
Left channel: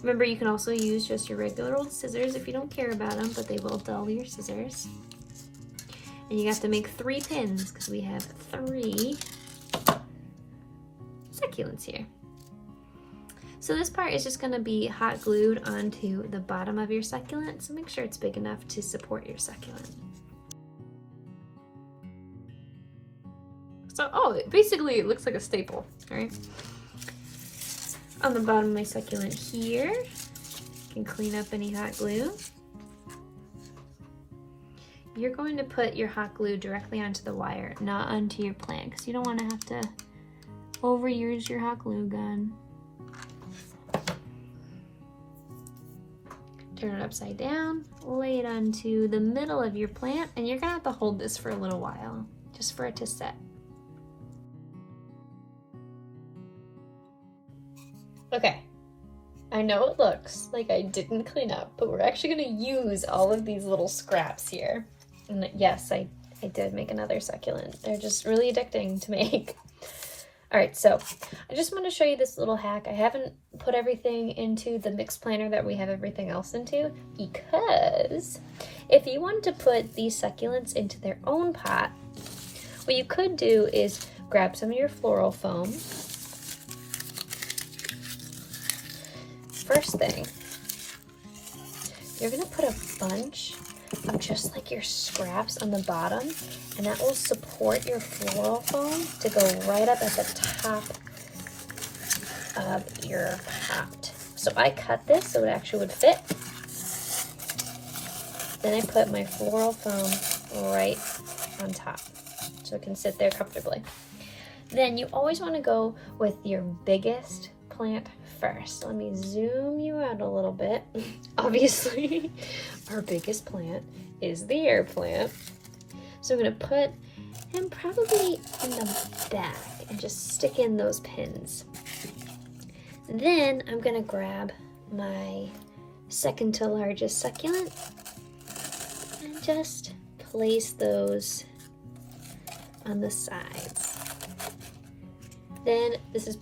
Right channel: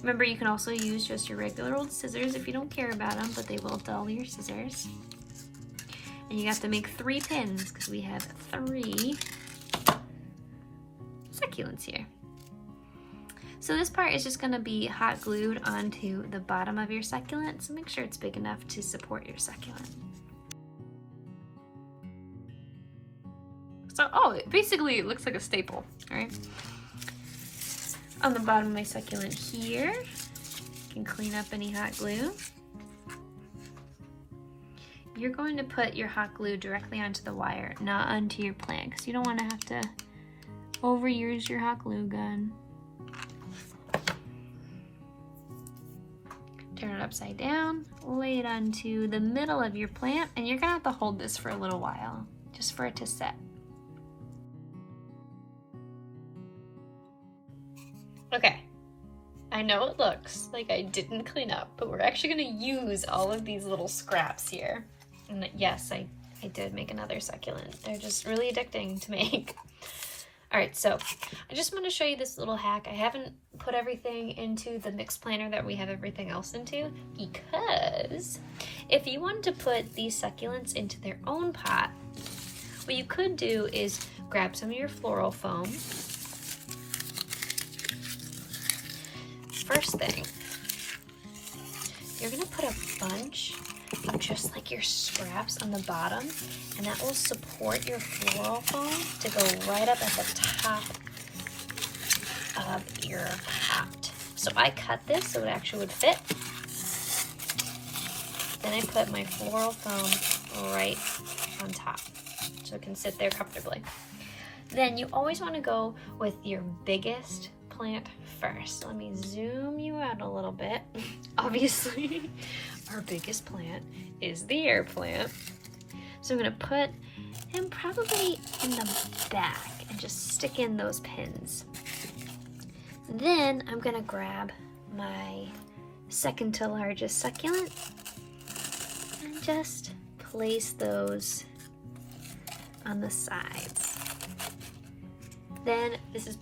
Remember, you can also use just your regular old scissors if you don't care about them, but they will dull your scissors. And you have to make 3 pins because we have 3 succulents here. So this part is just gonna be hot glued onto the bottom of your succulent, so make sure it's big enough to support your succulent. So, basically it looks like a staple, right? On the bottom of my succulent here, you can clean up any hot glue. You're going to put your hot glue directly onto the wire, not onto your plant, because you don't want to have to overuse your hot glue gun. Turn it upside down, lay it onto the middle of your plant, and you're gonna have to hold this for a little while, just for it to set. Okay, I know it looks like I didn't clean up, but we're actually gonna use all of these little scraps here. And yes, I did make another succulent. They're just really addicting to make. All right, so I just want to show you this little hack. I haven't put everything into the mixed planner that we have everything else into, because if you want to put these succulents into their own pot, what you could do is grab some of your floral foam. First thing, you're gonna put a bunch of just like your scraps on the bottom, and that will support your floral foam to go right up at the top of your pot. So I cut this so it actually would fit. Then I put my floral foam right on top so it can sit there comfortably. Then you always want to go with your biggest plant first. So let me zoom you out a little bit. Obviously, our biggest plant is the air plant. So I'm gonna put him probably in the back and just stick in those pins. Then I'm gonna grab my second to largest succulent and just place those on the sides. Then this is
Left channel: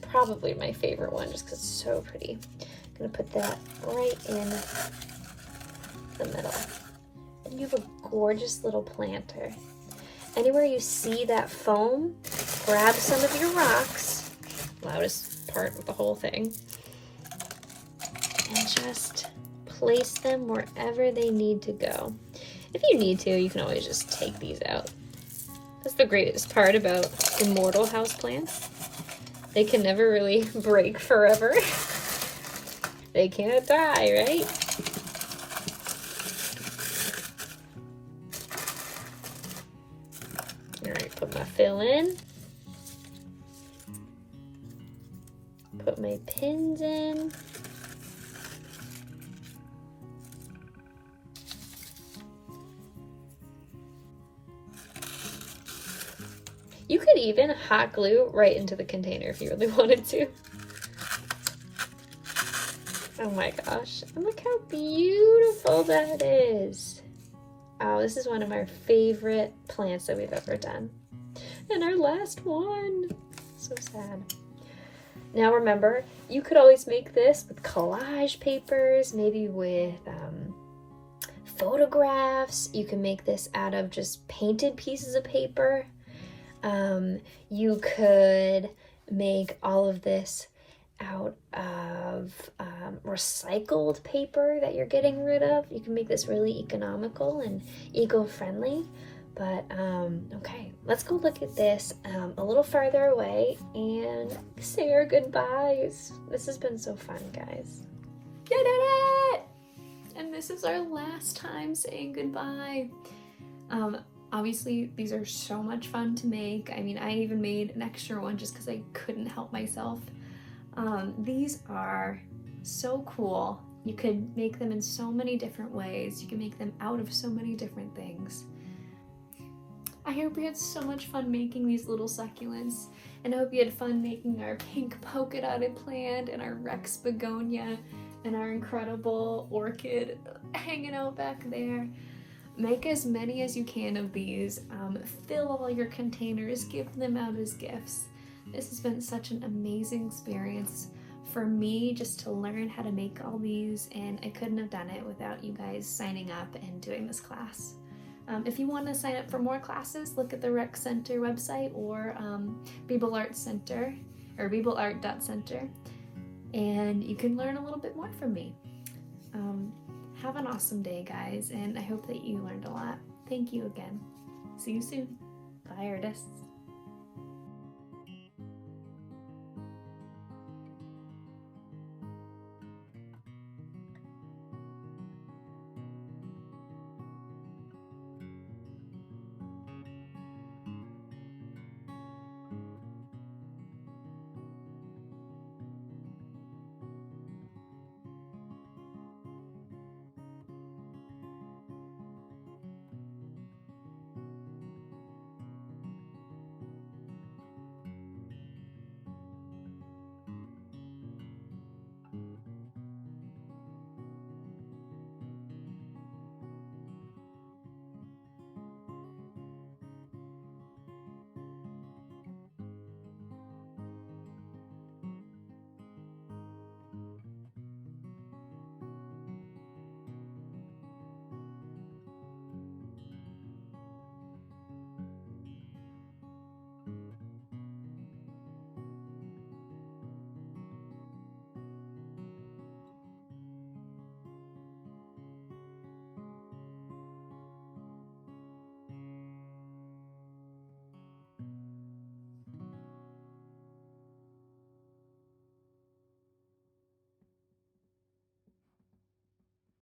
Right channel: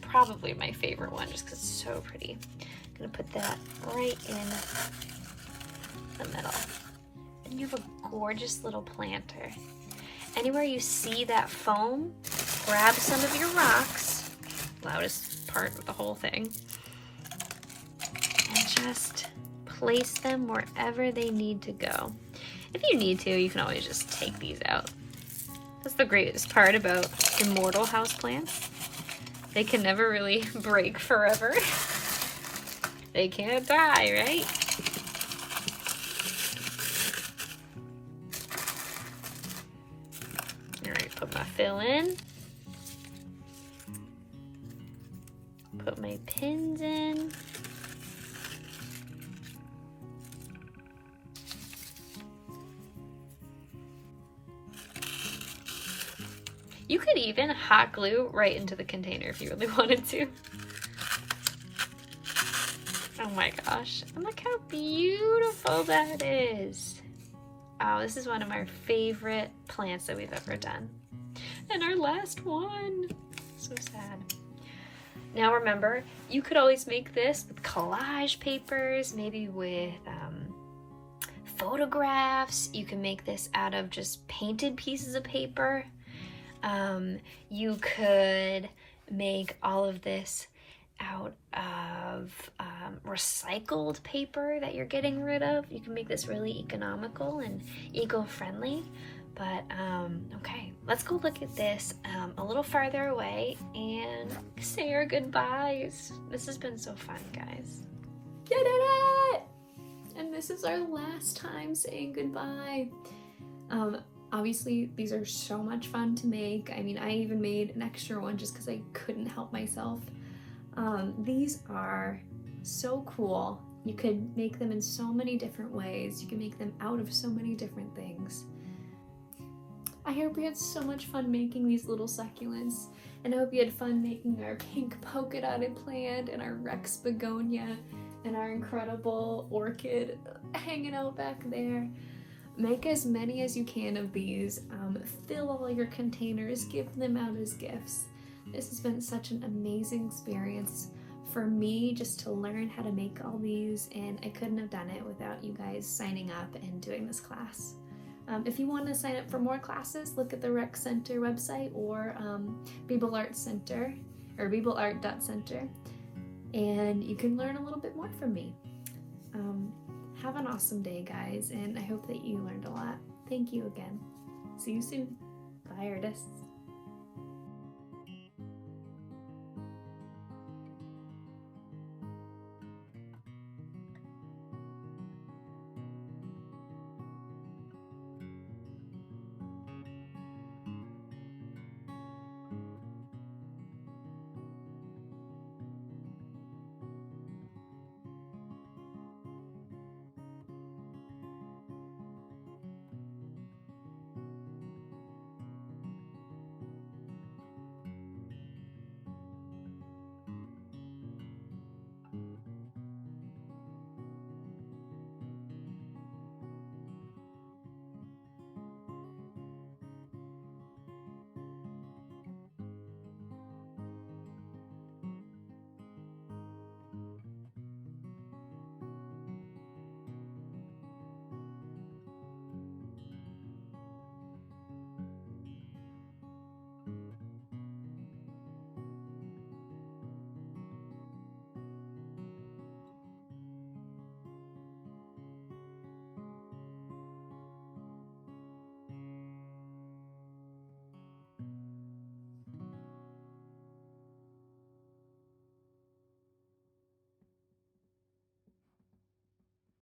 probably my favorite one just because it's so pretty. I'm gonna put that right in the middle. And you have a gorgeous little planter. Anywhere you see that foam, grab some of your rocks, loudest part of the whole thing, and just place them wherever they need to go. If you need to, you can always just take these out. That's the greatest part about immortal houseplants. They can never really break forever. They can't die, right? All right, put my fill in. Put my pins in. You could even hot glue right into the container if you really wanted to. Oh my gosh, and look how beautiful that is. Oh, this is one of our favorite plants that we've ever done. And our last one. So sad. Now remember, you could always make this with collage papers, maybe with photographs. You can make this out of just painted pieces of paper. You could make all of this out of recycled paper that you're getting rid of. You can make this really economical and eco-friendly. But okay, let's go look at this a little farther away and say our goodbyes. This has been so fun, guys. You did it! And this is our last time saying goodbye. Obviously, these are so much fun to make. I mean, I even made an extra one just because I couldn't help myself. These are so cool. You could make them in so many different ways. You can make them out of so many different things. I hope you had so much fun making these little succulents, and I hope you had fun making our pink polka dotted plant and our Rex begonia and our incredible orchid hanging out back there. Make as many as you can of these. Fill all your containers, give them out as gifts. This has been such an amazing experience for me just to learn how to make all these, and I couldn't have done it without you guys signing up and doing this class. If you want to sign up for more classes, look at the Rec Center website or Beeble Art Center or beebleart.center, and you can learn a little bit more from me. Have an awesome day, guys, and I hope that you learned a lot. Thank you again. See you soon. Bye, artists.